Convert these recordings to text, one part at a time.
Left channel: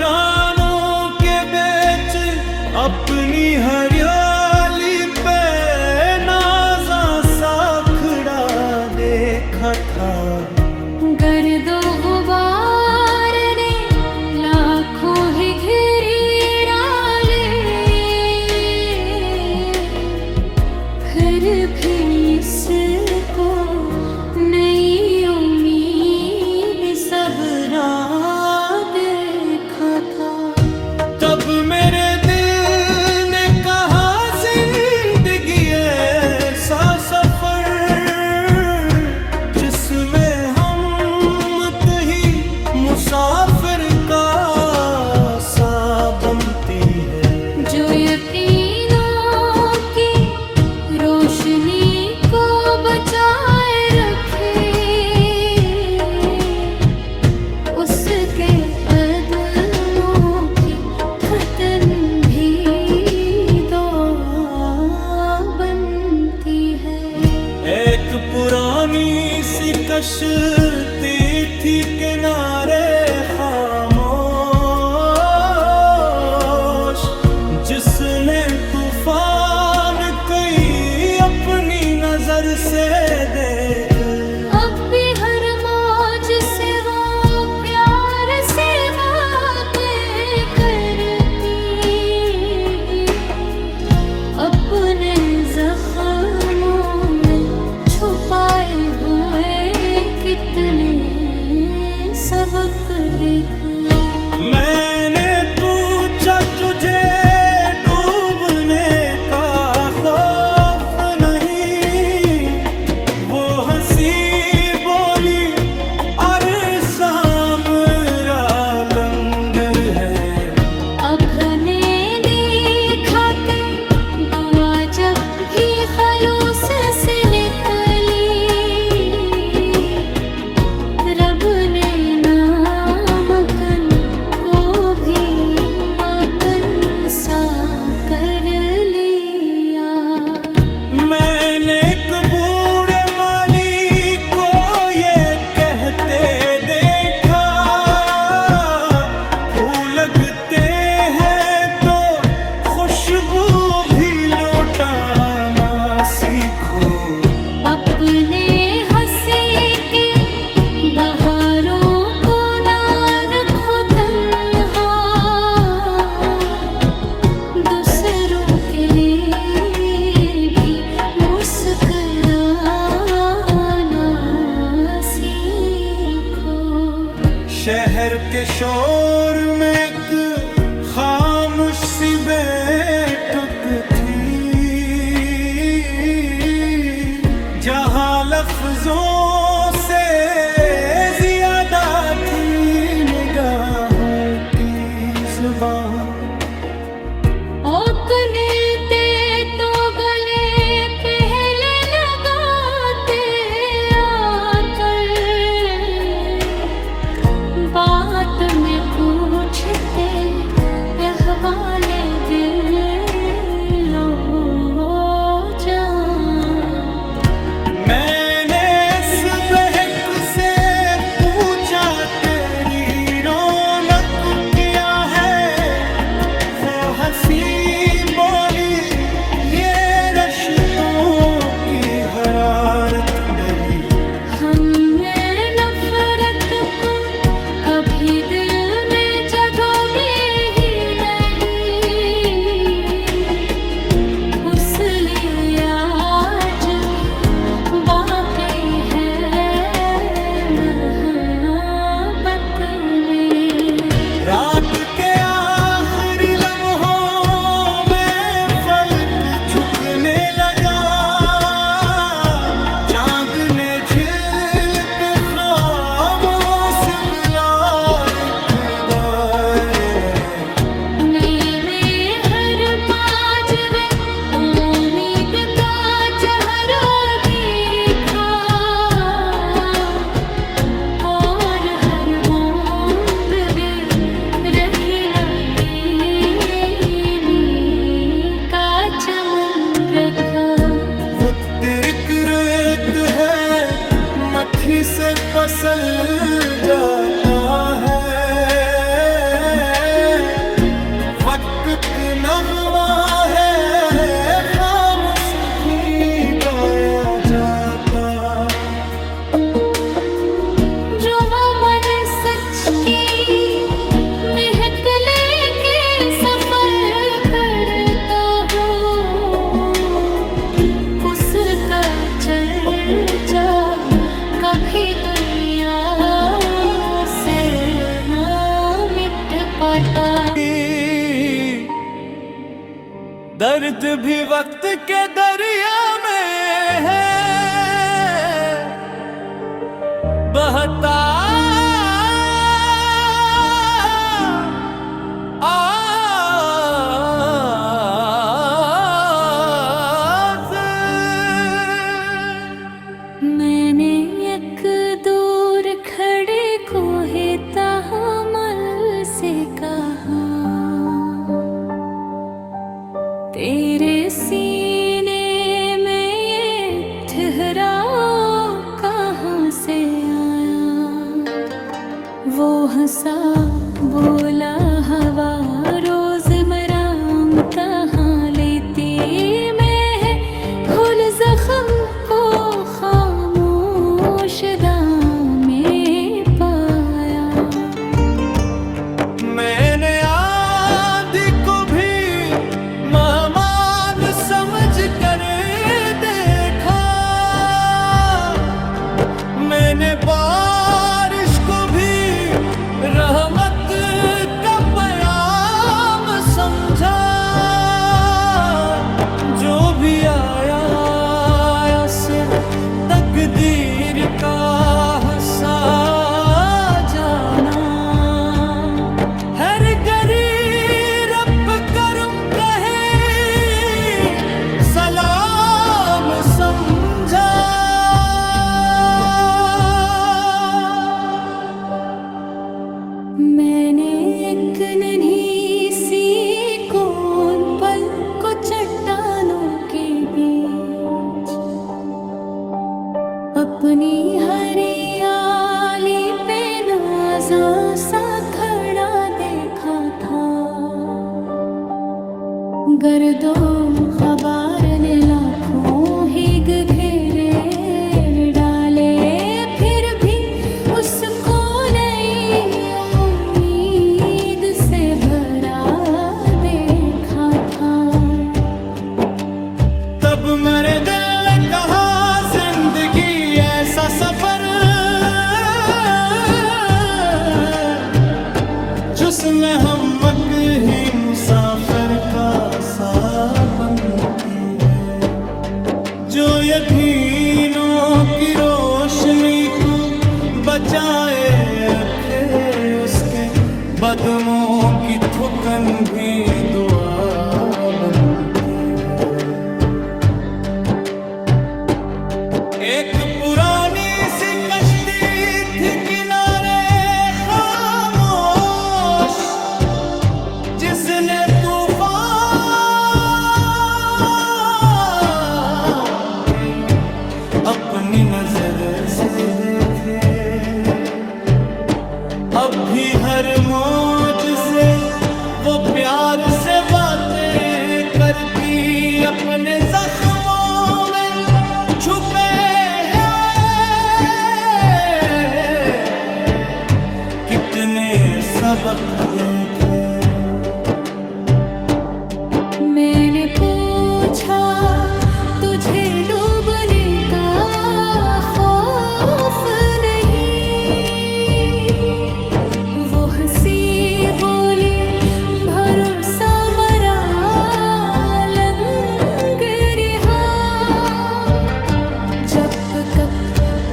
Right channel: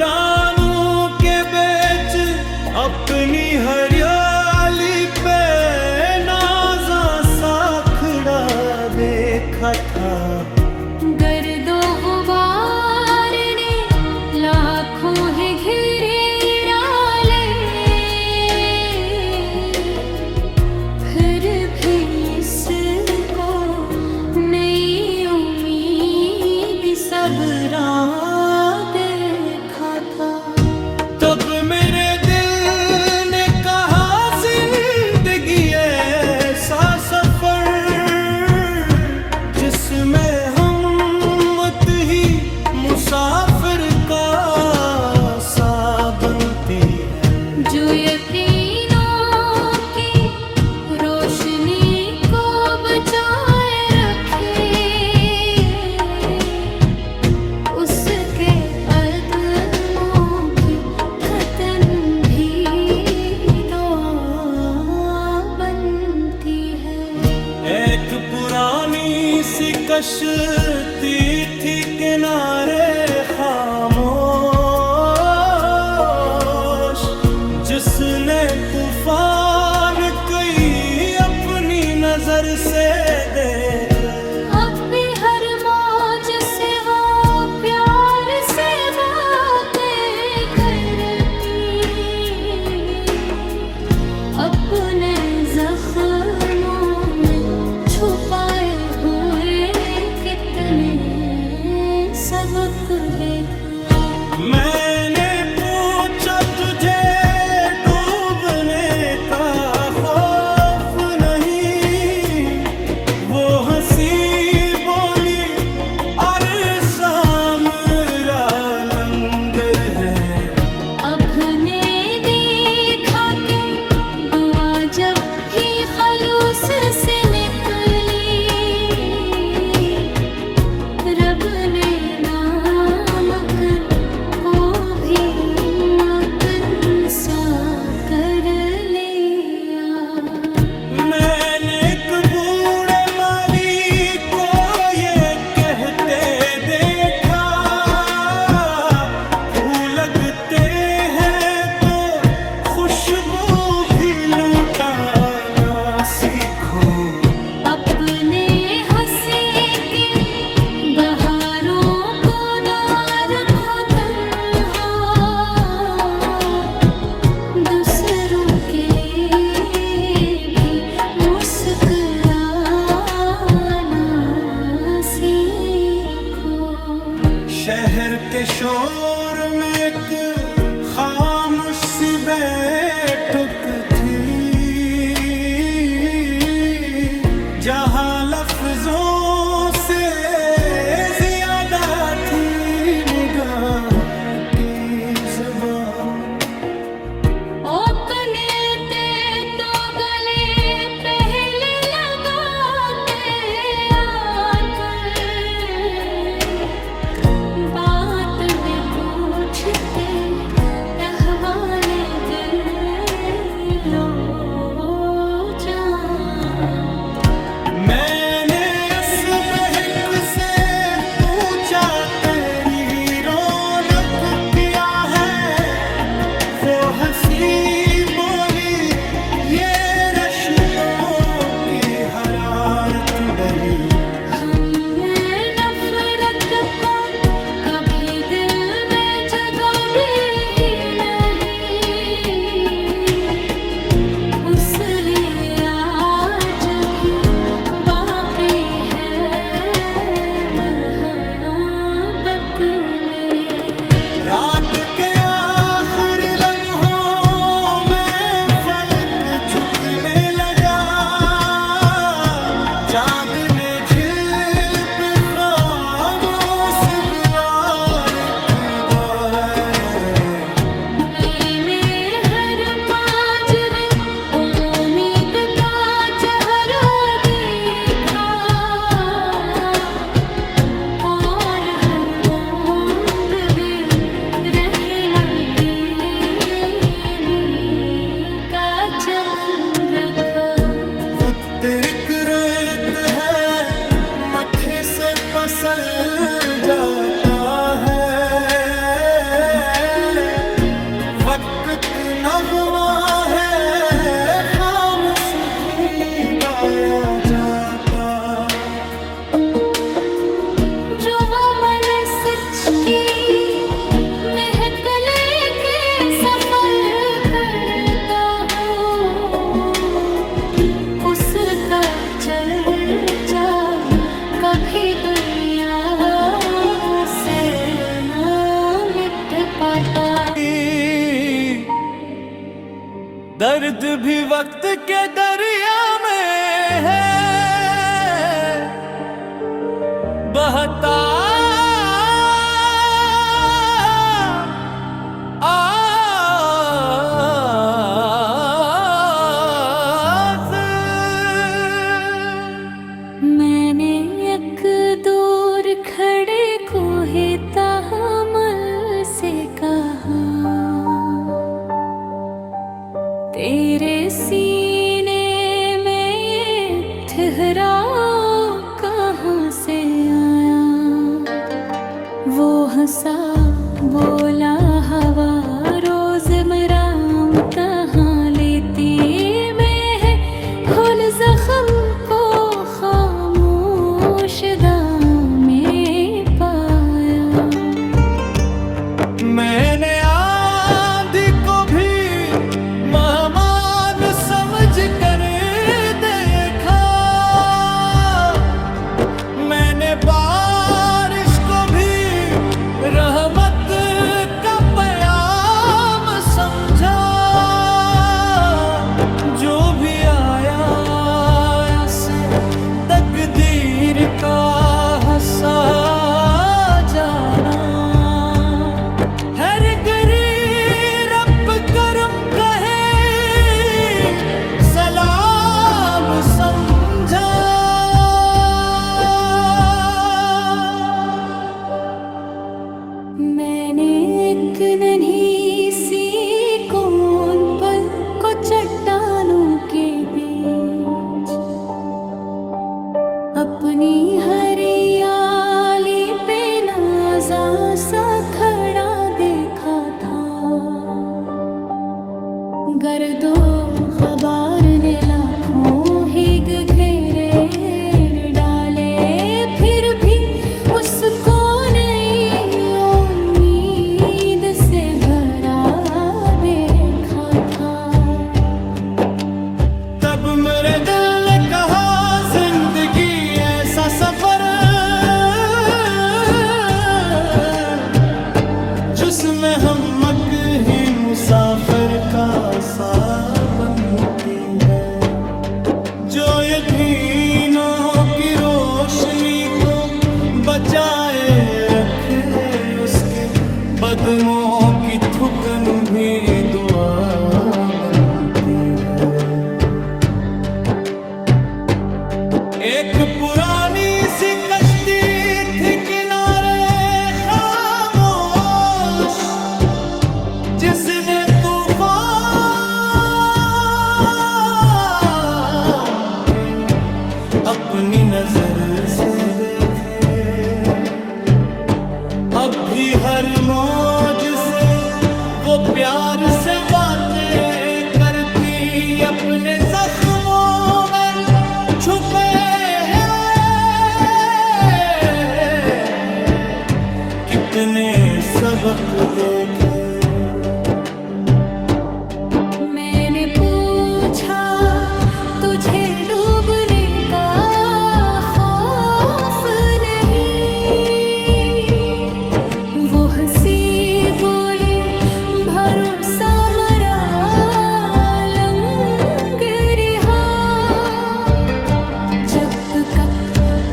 वीरानों के बीच अपनी हरियाली पे नाज़ा सा खड़ा देखा था। गर्दो गुबार ने लाखों ही घेरे डाले, फिर भी इसको नई उम्मीद सबरा देखा था। तब मेरे दिल ने कहा जिंदगी ऐसा सफर जिसमें हम ही मुसाफिर का सा बनती है। जो यकीनों की रोशनी को बचाए रखे, उसके अदमों की खतन भी दुआ बनती है। एक पुरानी सी कश्ती थी किनारे खामोश, जिसने तूफान कई अपनी नजर से देख। अब भी हर मौज से वो प्यार से बातें करती, अपने जख्मों में छुपाए हुए कितने सबक देख। मैंने पूछा तुझे डूबने का खौफ नहीं, वो हंसी बोली अरसा मेरा लंगर है। अपने देखा के दुआ जब भी खलूस से निकली, रब ने नामुमकिन को भी मुमकिन सा कर लिया। मैंने एक बूढ़े माली को ये कहते देखा, फूल लगते हैं तो खुशबू भी लौटाना सीखो। अपने हंसी के बहारों को ना रखो तन्हा, दूसरों के लिए भी मुस्कुराना सीखो। शहर के शोर में एक खामोश सी बैठक थी, जहां लफ्जों से ज्यादा थी निगाहों की जुबान। ओकने ते तो गले पहले लगाते आकर, बात में पूछते अहवाले दिलो जान। मैंने इस बहक से पूछा तेरी रौनक क्या है, वो हंसी बोली ये रश्तों की हरारत डरी। हमने नफरत को कभी दिल में जगह दी ही नहीं, उस लिए आज भी बाकी है मोहब्बत में। रात के आखिरी लम्हों में फलक झुकने लगा, चांद ने झील पे खामोश बुलाए खुदाए। मैंने हर माजरे उम्मीद का चेहरा देखा, और हर बूंद में रहना कीने का चमन रखा। वो तिरक रेत है मट्ठी से पसल जाता है, वक्त नगमा है, खामोश भी गाया जाता। जुवा मन सच की महक लेके सफर करता हूँ, उसका चर्चा कभी दुनिया से ना मिट पाता। दर्द भी वक्त के दरिया में है बहता। मैंने एक दूर खड़े को है तहम्मुल से कहा, तेरे सीने में ये ठहराव कहाँ से आया। वो हंसा बोला, हवा रोज़मर्रा कहाँ लेती मैं है, खुल जख्म को खामोश दाम में पाया। मैंने आंधी को भी मेहमान समझ कर देखा, मैंने बारिश को भी रहमत का प्याम समझा। जो भी आया से तकदीर का हंसा जाना। हर गरीब रब करम कहे सलाम समझा। मैंने एक नन्ही सी कौन पल को चट्टानों के बीच अपनी हरियाली पे नाज़ा सा खड़ा देखा था। गर्दो ग़बार ने लाखों हिग घेरे डाले, फिर भी उसको नई उम्मीद से भरा देखा था। तब मेरे दिल ने कहा जिंदगी ऐसा सफर जिसमें हमक ही मुसाफिर का सा बनती है। जो यकीनों की रोशनी को बचाए रखे, उसके बदमों की थुकन भी दुआ बनती है। एक पुरानी सी कश्ती थी किनारे खामोश, जिसने तूफान के अपनी नजर से देखे। अब भी हर मौज से वो प्यार से बातें करती, अपने जख्मों में छुपे हैं कितने सबक देखे। मैंने पूछा, तुझे डूबने का खौफ नहीं? वो हंसी बोली, भरोसा मरा लंग रिहा। जब तक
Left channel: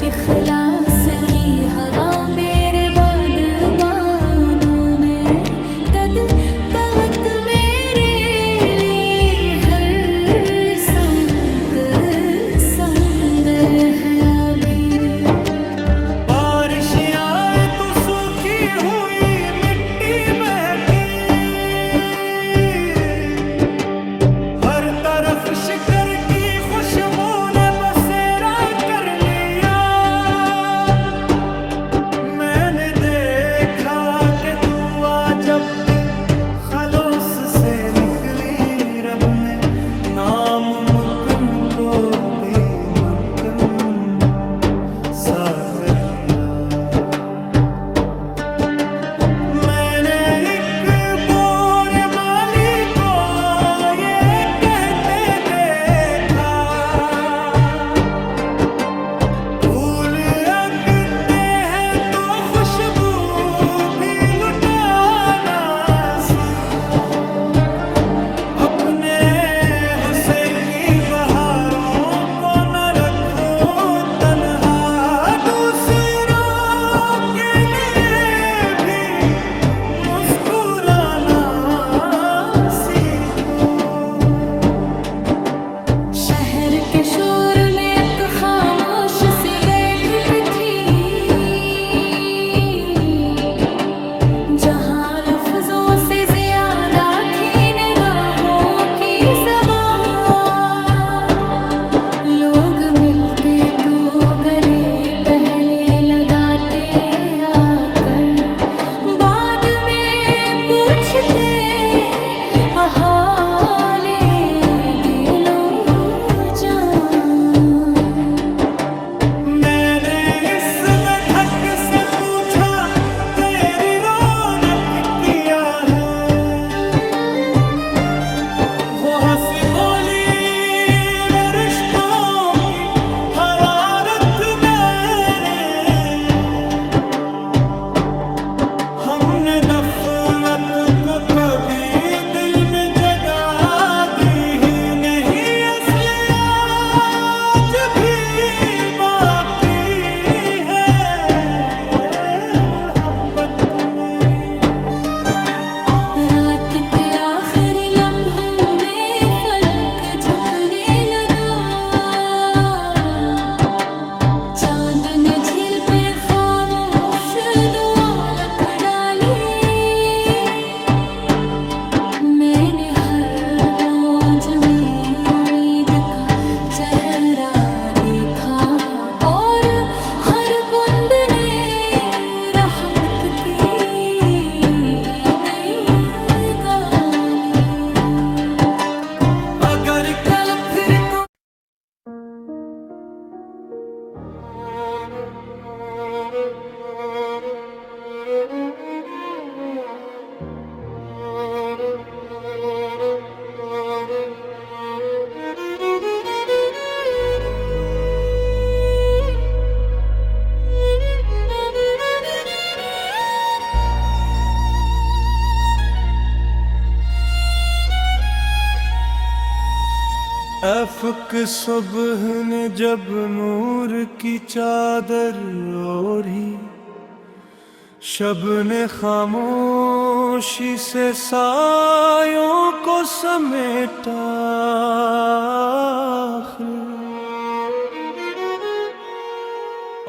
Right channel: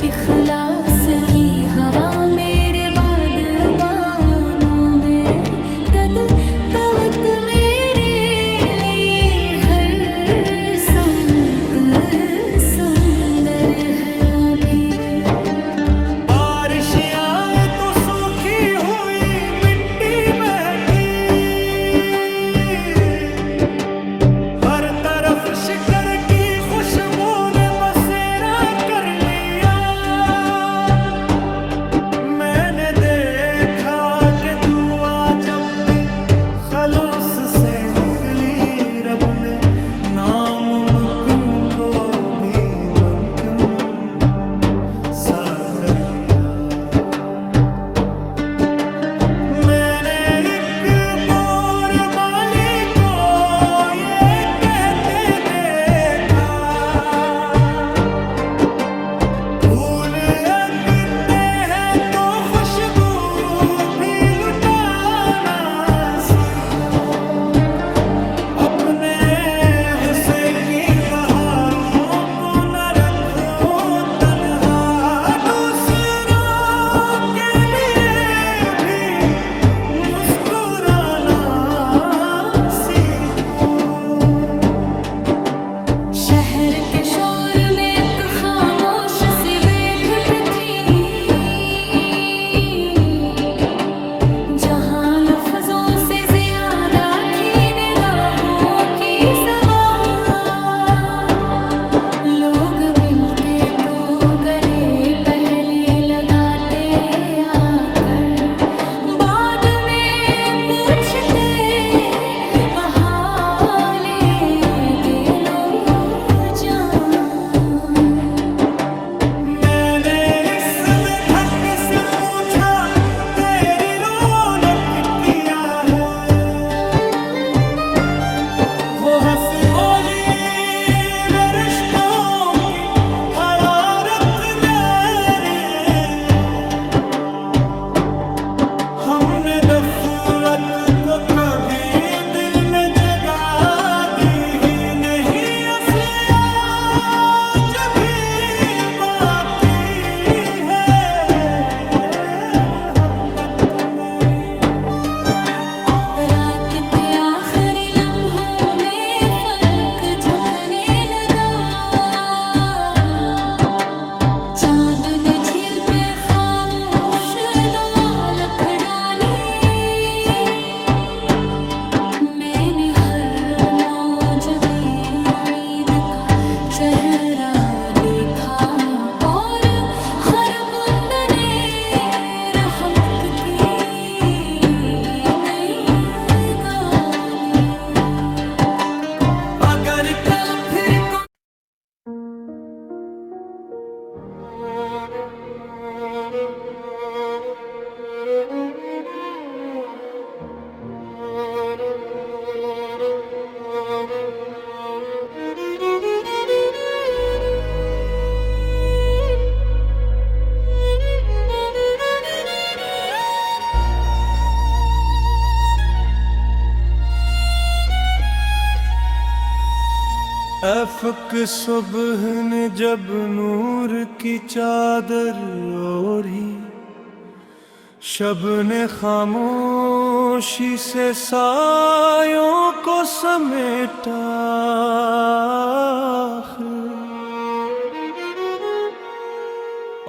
इखलास की हवा मेरे बादबानों में, तद तवत मेरे लिए हर संत समंदर है अभी। बारिश आए तो सूखी हुई मिट्टी बहकी, हर तरफ शिकर की खुशबू ने बसेरा कर लिया। मैंने देखा कि दुआ जब भी खलूस से निकली रब ने नामुमकिन को भी मुमकिन सा कर लिया। मैंने एक बोर माली को ये कहते देखा, फूल अगते हैं तो खुशबू भी लुटाना सीखो। अपने हुस्से की बहारों को न रखो तन्हा, दूसरों के लिए भी मुस्कुराना सीखो। शहर के शोर में एक खामोश सी बैठक थी, जहां लफ्जों से ज्यादा थी निगाहों की ज़बान। लोग मिलते तो गले पहले लगाते आकर, बाद में पूछते हाले दिलो जान। मैंने इस बेधक से पूछा तेरी रौनक क्या है, वो हंसी बोली वे रिश्तों की हरारत मेरी। हमने दफरत को कभी दिल में जगा दी ही नहीं, असले आज भी बाकी है मोहब्बत मेरी। रात के आखिरी लम्हों में फलक झुकने लगा, चांद ने झील पे खामोश दुआ लिख डाली। मैंने हर मौज में उम्मीद का चेहरा देखा, और हर बूंद ने रहमत की गाली। अगर कल फिर को अफ़क़ सुबह ने जब नूर की चादर ओढ़ी, शब ने खामोशी से सायों को समेटा।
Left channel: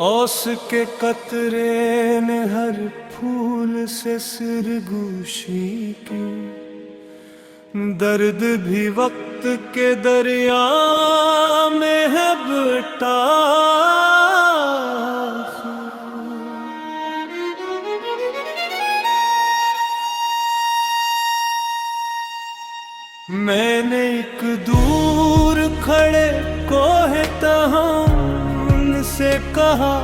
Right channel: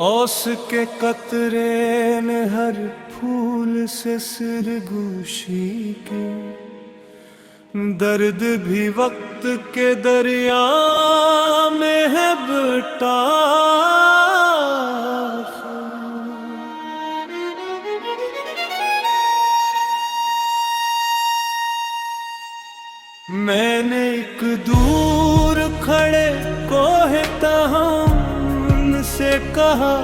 ओस के कतरे ने हर फूल से सिरगोशी की, दर्द भी वक्त के दरिया में है बटा। मैंने एक दूर खड़े कोहे तहम से कहा,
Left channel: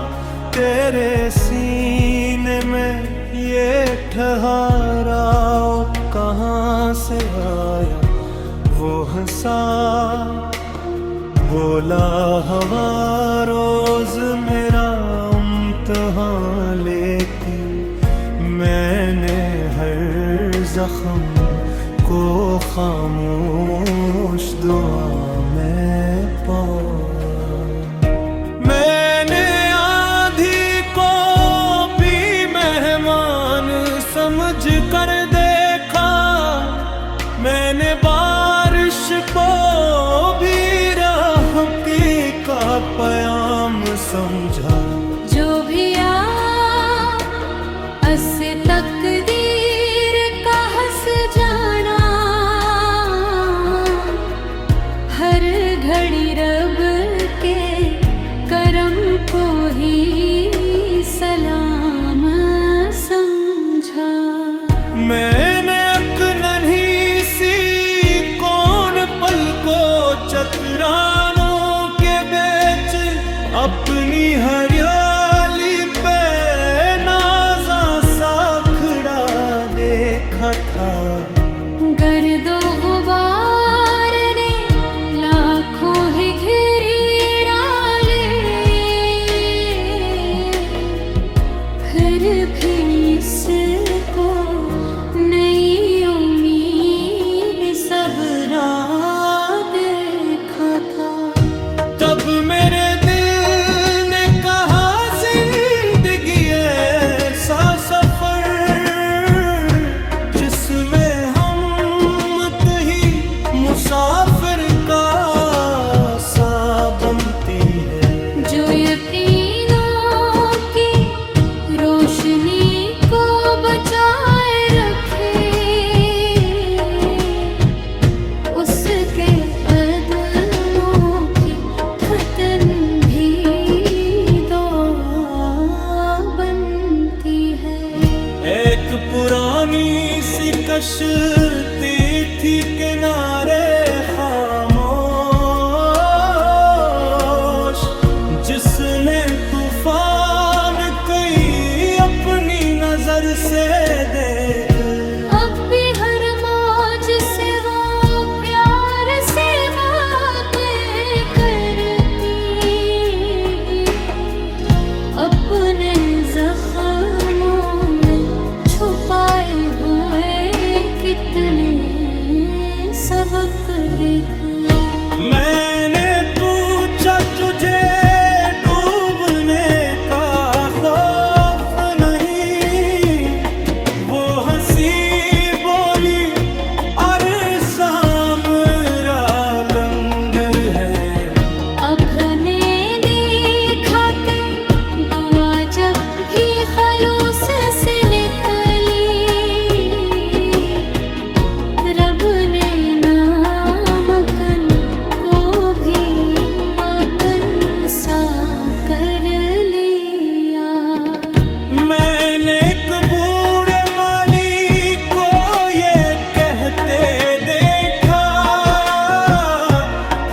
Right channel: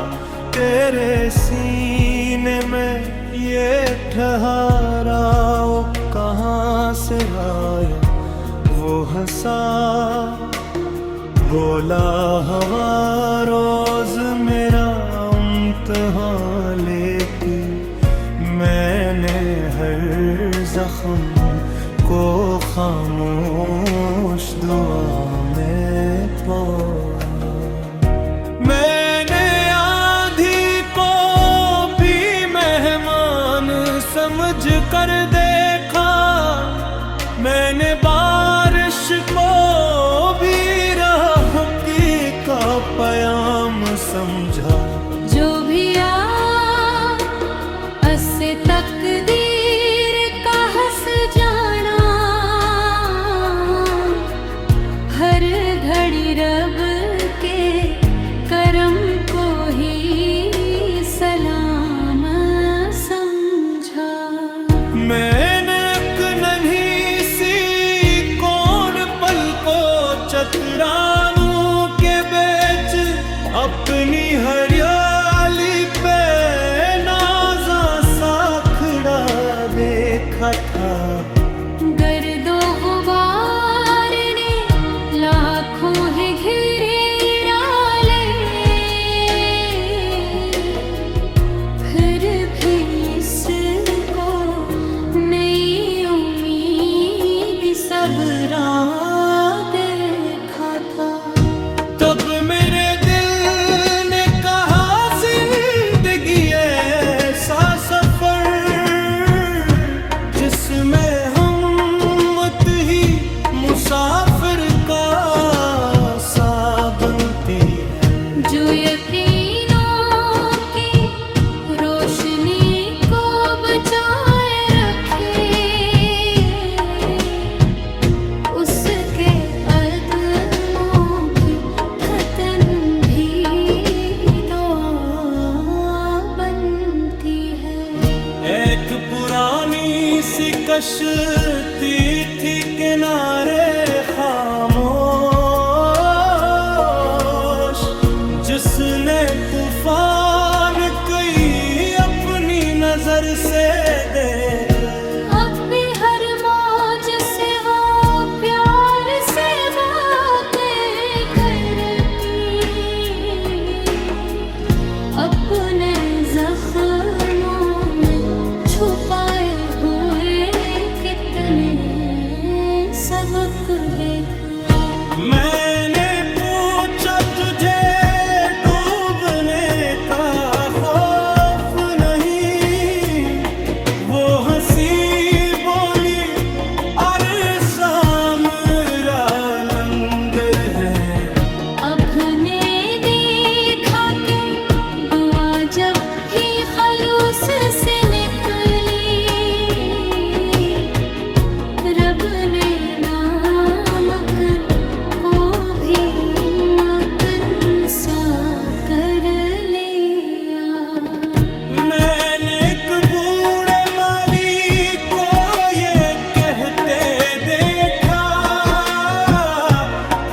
तेरे सीने में ये ठहराओ कहाँ से आया। वो हंसा बोला हवा रोज मेरा इम्तिहान लेती, मैंने हर जख्म को खामोश दुआ में पाया। मैंने आंधी को भी मेहमान समझ कर देखा, मैंने बारिश को भी राहकी का पयाम समझा। जो भी से तकदीर का हंस जाना, हर घड़ी रब के करम को ही सलाम समझा। मैंने एक चतरानों के बीच अपनी हरियाली पे नाजा सा खड़ा देखा था। गर्दो गुबार ने लाखों ही घेरे डाले, फिर भी इसको नई उम्मीद सबरा देखा था। तब मेरे दिल ने कहा जिंदगी ऐसा सफर जिसमें हम ही मुसाफिर का सा बनती है। जो यकीनों की रोशनी को बचाए रखे, उसके अदमों की खतन भी दुआ बनती है। एक पुरानी सी कश्ती थी किनारे खामोश, जिसने तूफान कई अपनी नजर से देख। अब भी हर मौज से वो प्यार से बातें करती, अपने जख्मों में छुपाए हुए कितने सबक देख। मैंने पूछा तुझे डूबने का खौफ नहीं, वो हंसी बोली अरसा मेरा लंगर है। अपने देखा के दुआ जब भी खलूस से निकली, रब ने नामकन को भी मकन सा कर लिया। मैंने एक बूढ़े माली को ये कहते देखा,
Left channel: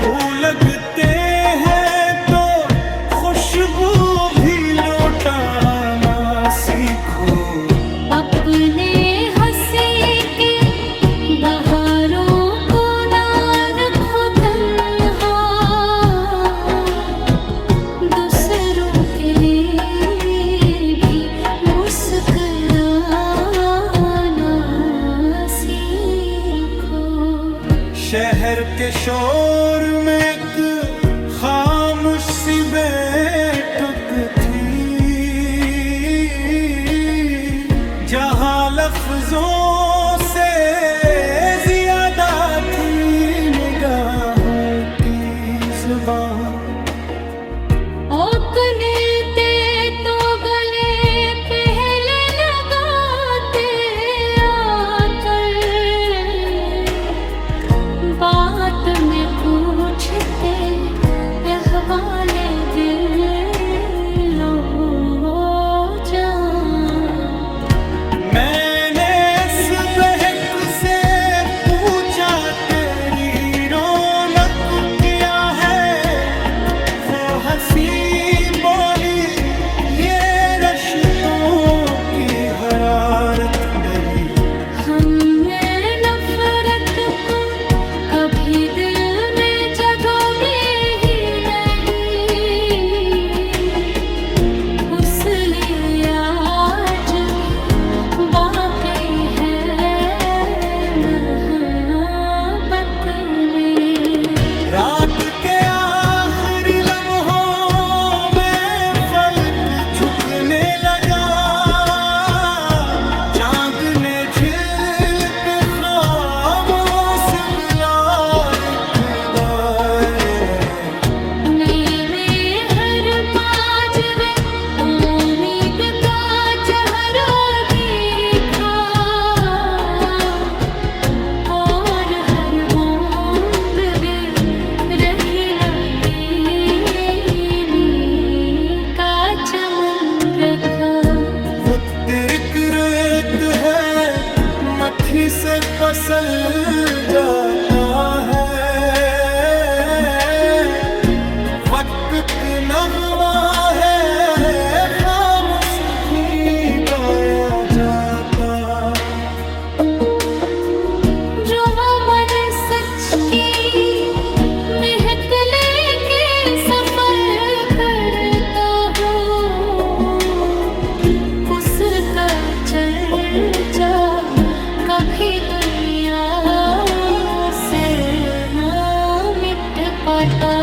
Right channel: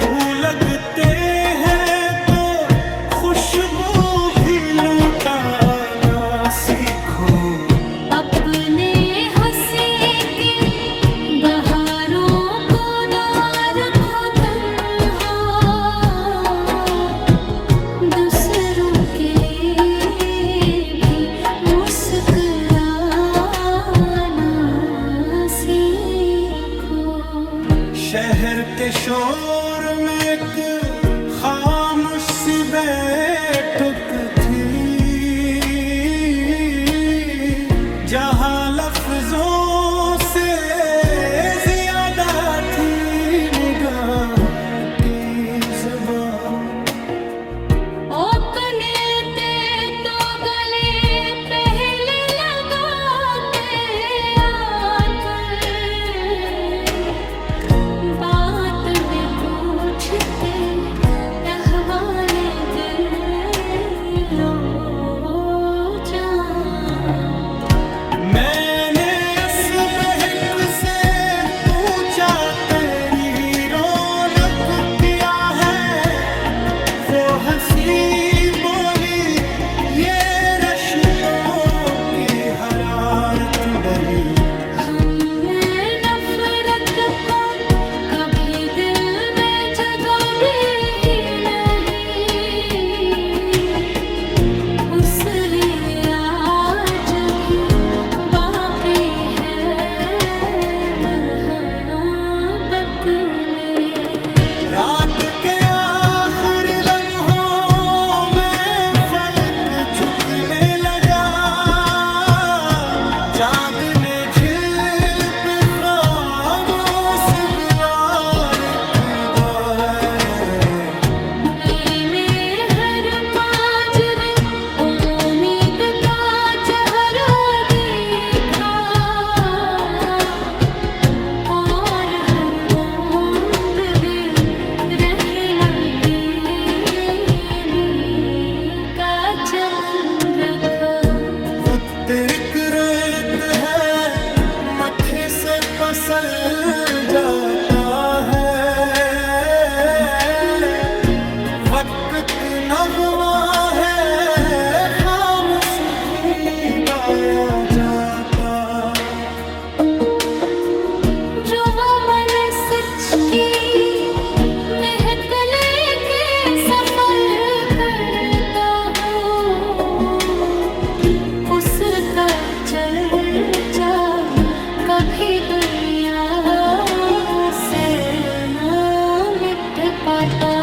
फूल लगते हैं तो खुशबू भी लुटाना सीखो। अपने हंसी के बहारों को ना रखो तन्हा, दूसरों के लिए भी मुस्कुराना सीखो। शहर के शोर में एक खामोश सी बैठक थी, जहां लफ्जों से ज्यादा थी निगाहों की जुबान। ओकने ते तो गले पहले लगाते आकर, बात में पूछते अहवाले दिलो जान। मैंने इस बहक से पूछा तेरी रौनक क्या है, वो हंसी बोली ये रश्तों की हरारत डरी। हमने नफरत को कभी दिल में जगह दी ही नहीं, उस लिए आज भी बाकी है मोहब्बत में। रात के आखिरी लम्हों में फलक झुकने लगा, चांद ने झील पे खामोश बुला लिखवाए। मैंने हर माजरे उम्मीद का चेहरा देखा, और हर बूंद में रहना देने का चमन रखा। वो तिरक रेत है मट्ठी से पसल जाता है, एक नगमा है खामोश भी गाया जाता। जुआ मन सच की महक लेके सफर करता हूँ, उसका चर्चा कभी दुनिया से ना मिट पाता।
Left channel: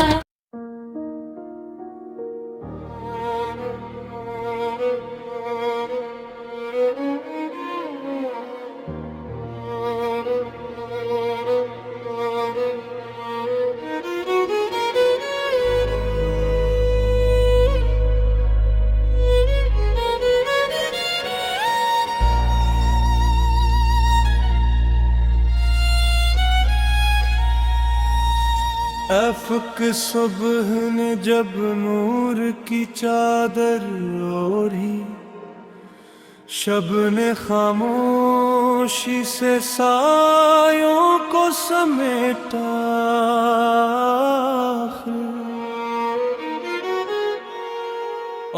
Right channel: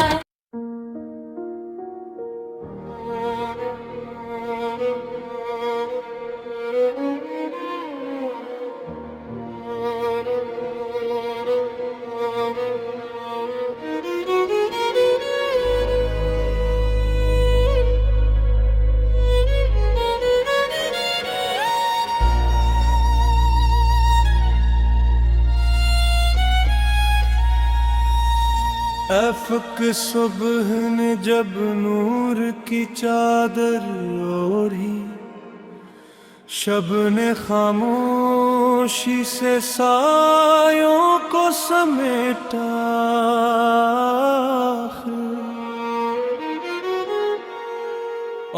अफ़क़ सुबह ने जब नूर की चादर ओढ़ी, शब ने खामोशी से सायों को समेटा।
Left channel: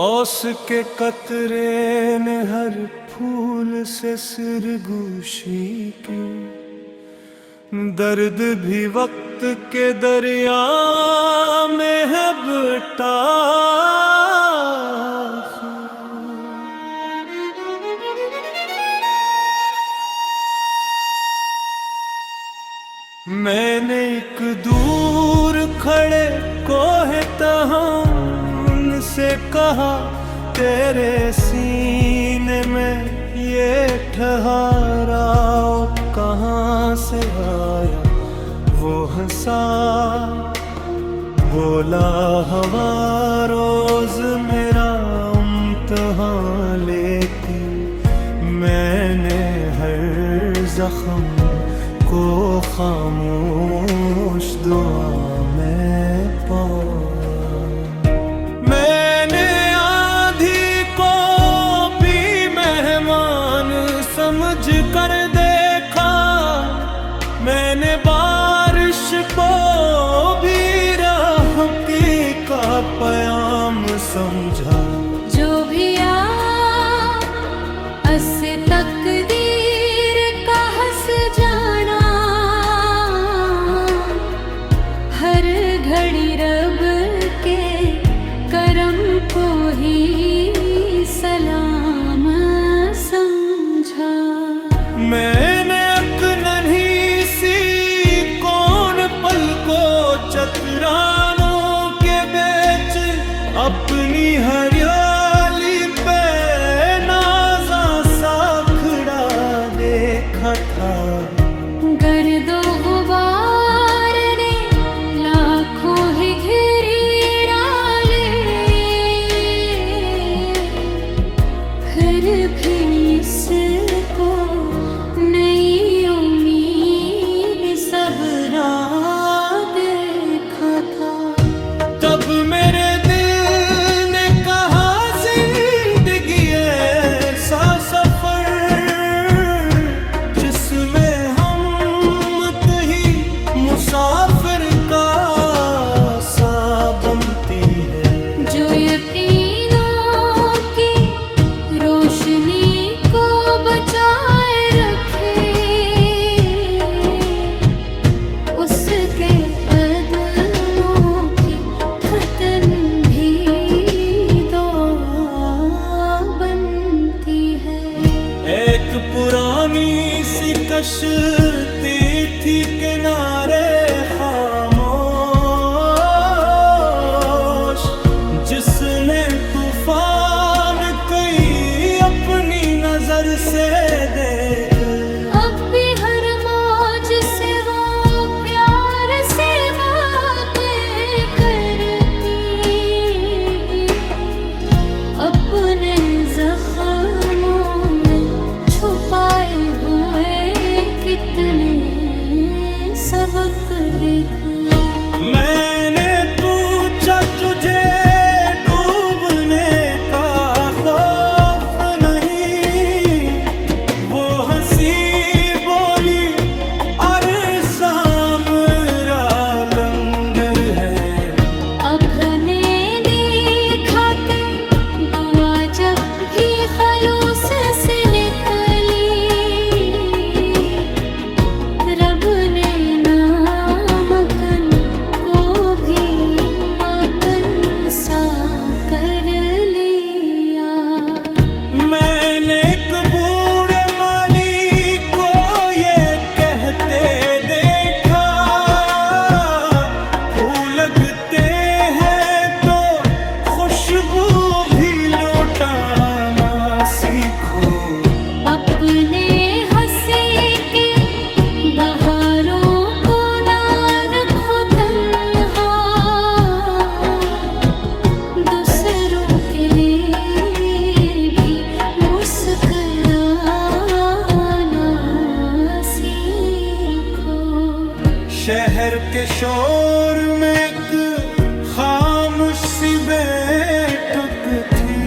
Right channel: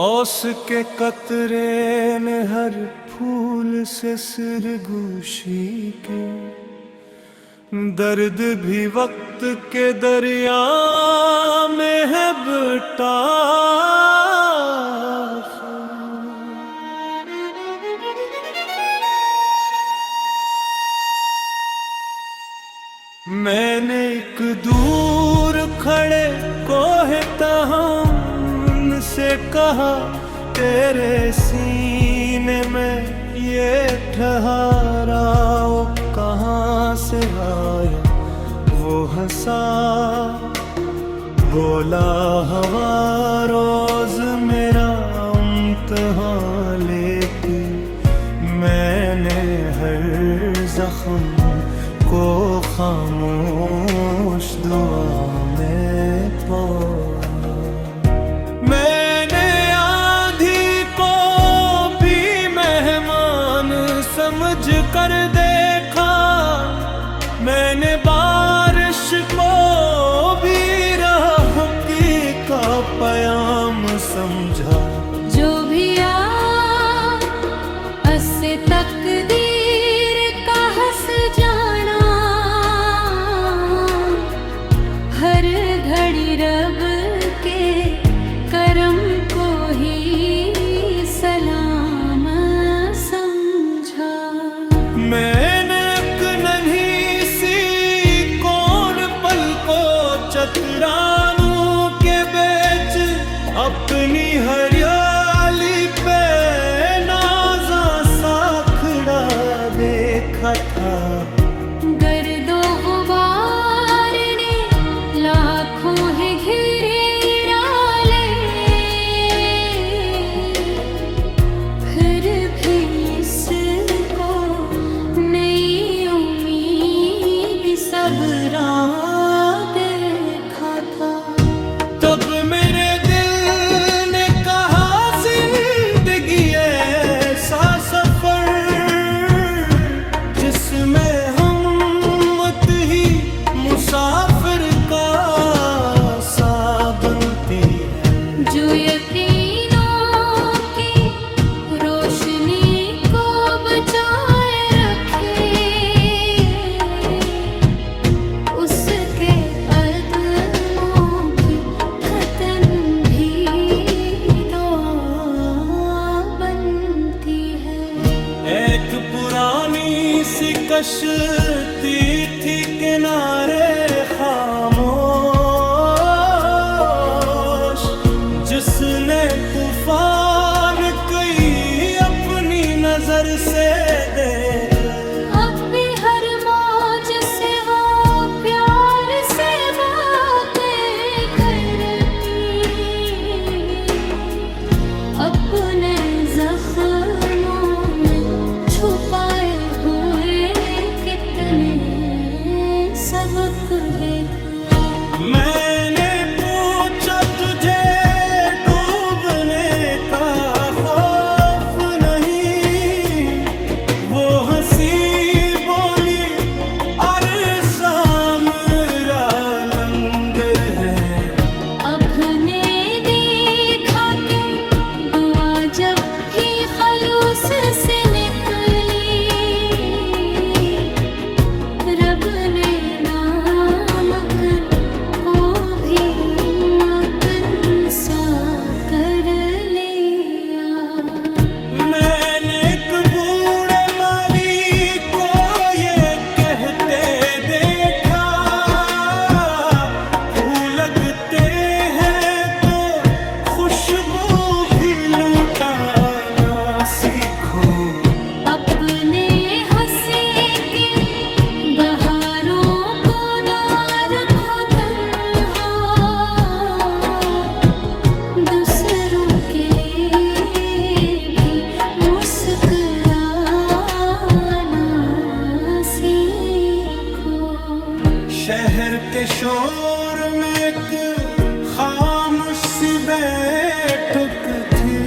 औस के कतरे ने हर फूल से सिरगोशी की, दर्द भी वक्त के दरिया में है बटाख। मैंने एक दूर खड़े कोहे तहम से कहा, तेरे सीने में ये ठहराओ कहाँ से आया। वो हंसा बोला, हवा रोज मेरा इम्तिहान लेती। मैंने हर जख्म को खामोश दुआ में पाया। मैंने आंधी को भी मेहमान समझ कर देखा, मैंने बारिश को भी राहकी का पयाम समझा। जो भी असे तकदीर का हंस जाना, हर घड़ी रब के करम को ही सलाम समझा। मैंने एक नन्ही सी कौन पल को चतरानों के बेच अपनी हरियाली पे नाज़ा सा खड़ा देखा था। गर्दो गुबार ने लाखों ही घेरे डाले, फिर भी इसको नई उम्मीद सबरा देखा था। तब मेरे दिल ने कहा, जिंदगी ऐसा सफर जिसमें हिम्मत ही मुसाफिर का सा बनती है। जो यकीनों की रोशनी को बचाए रखे, उसके अदमों की खतन भी दुआ बनती है। एक पुरानी सी कश्ती थी किनारे खामोश, जिसने तूफान कई अपनी नजर से देख। अब भी हर मौज से वो प्यार से बातें करती, अपने जख्मों में छुपाए हुए कितने सबक लिख। मैंने पूछा, तुझे डूबने का खौफ नहीं? वो हंसी बोली, अरसा मेरा लंगर है। अपने रब ने नामकन को भी मकन सा कर लिया। मैंने एक बूढ़े माली को ये कहते देखा, फूल लगते हैं तो खुशबू भी लुटाना सीखो। अपने हंसी के बहारों को ना रखो तन्हा, दूसरों के लिए भी मुस्कुराना सीखो। शहर के शोर में एक खामोश सी बैठक थी,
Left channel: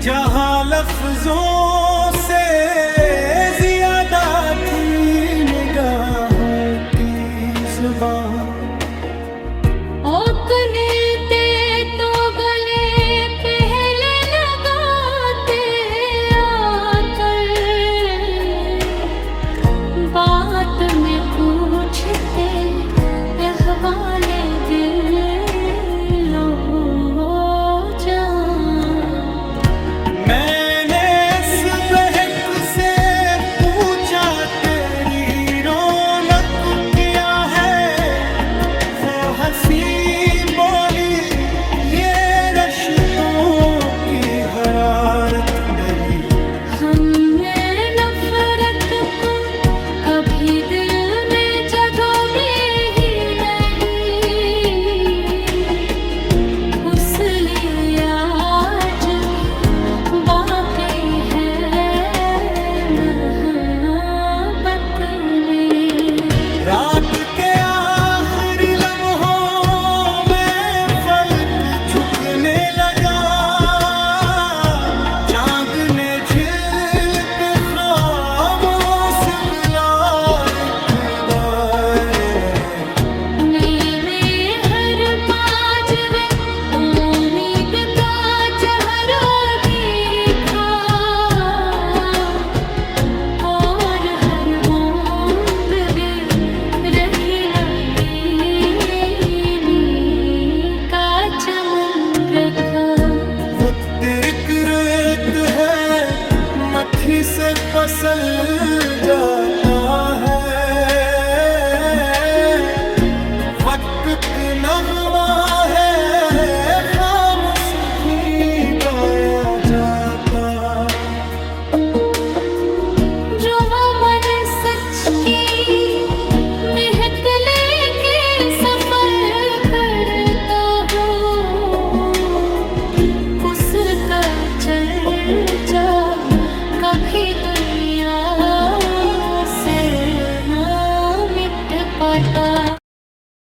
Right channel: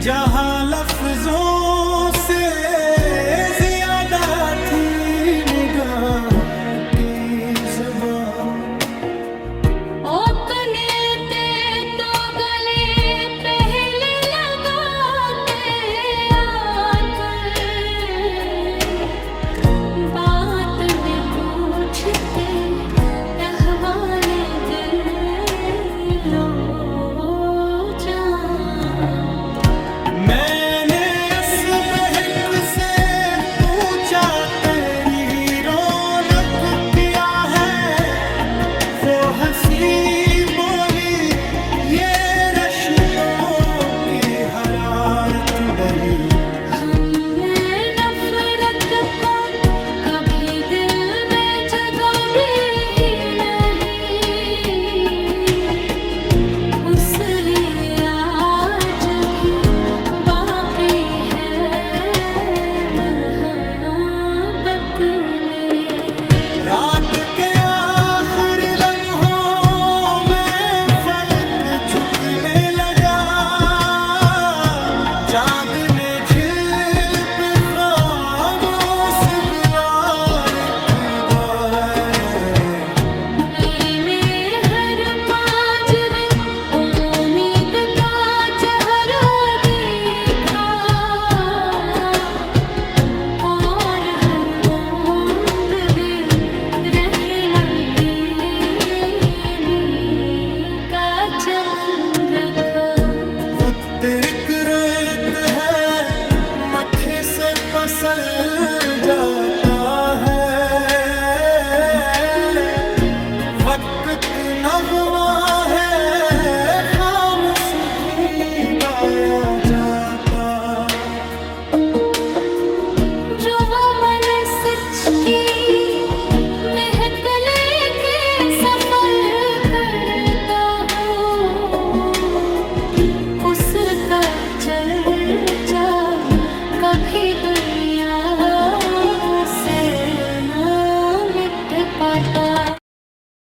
जहां लफ्जों से ज्यादा थी निगाहों की जुबान। ओकने ते तो गले पहले लगाते आतर, बात में पूछते अहवाले दिलो जान। मैंने इस बहक से पूछा तेरी रौनक क्या है, वो हंसी बोली ये रश्तों की हरारत नहीं। हमने नफरत को कभी दिल में जगह दी ही नहीं, उस लिए आज भी बाकी है मोहब्बत में। रात के आखिरी लम्हों में फलक झुकने लगा, चांद ने झील पे खामोश बुलाए मैंने हर माजरे उम्मीद का चेहरा देखा, और हर बूंद में रहना देने का चमन रखा। वो तिरक रेत है मट्ठी से पसल जाता है, वक्त नगमा है खामोश भी गाया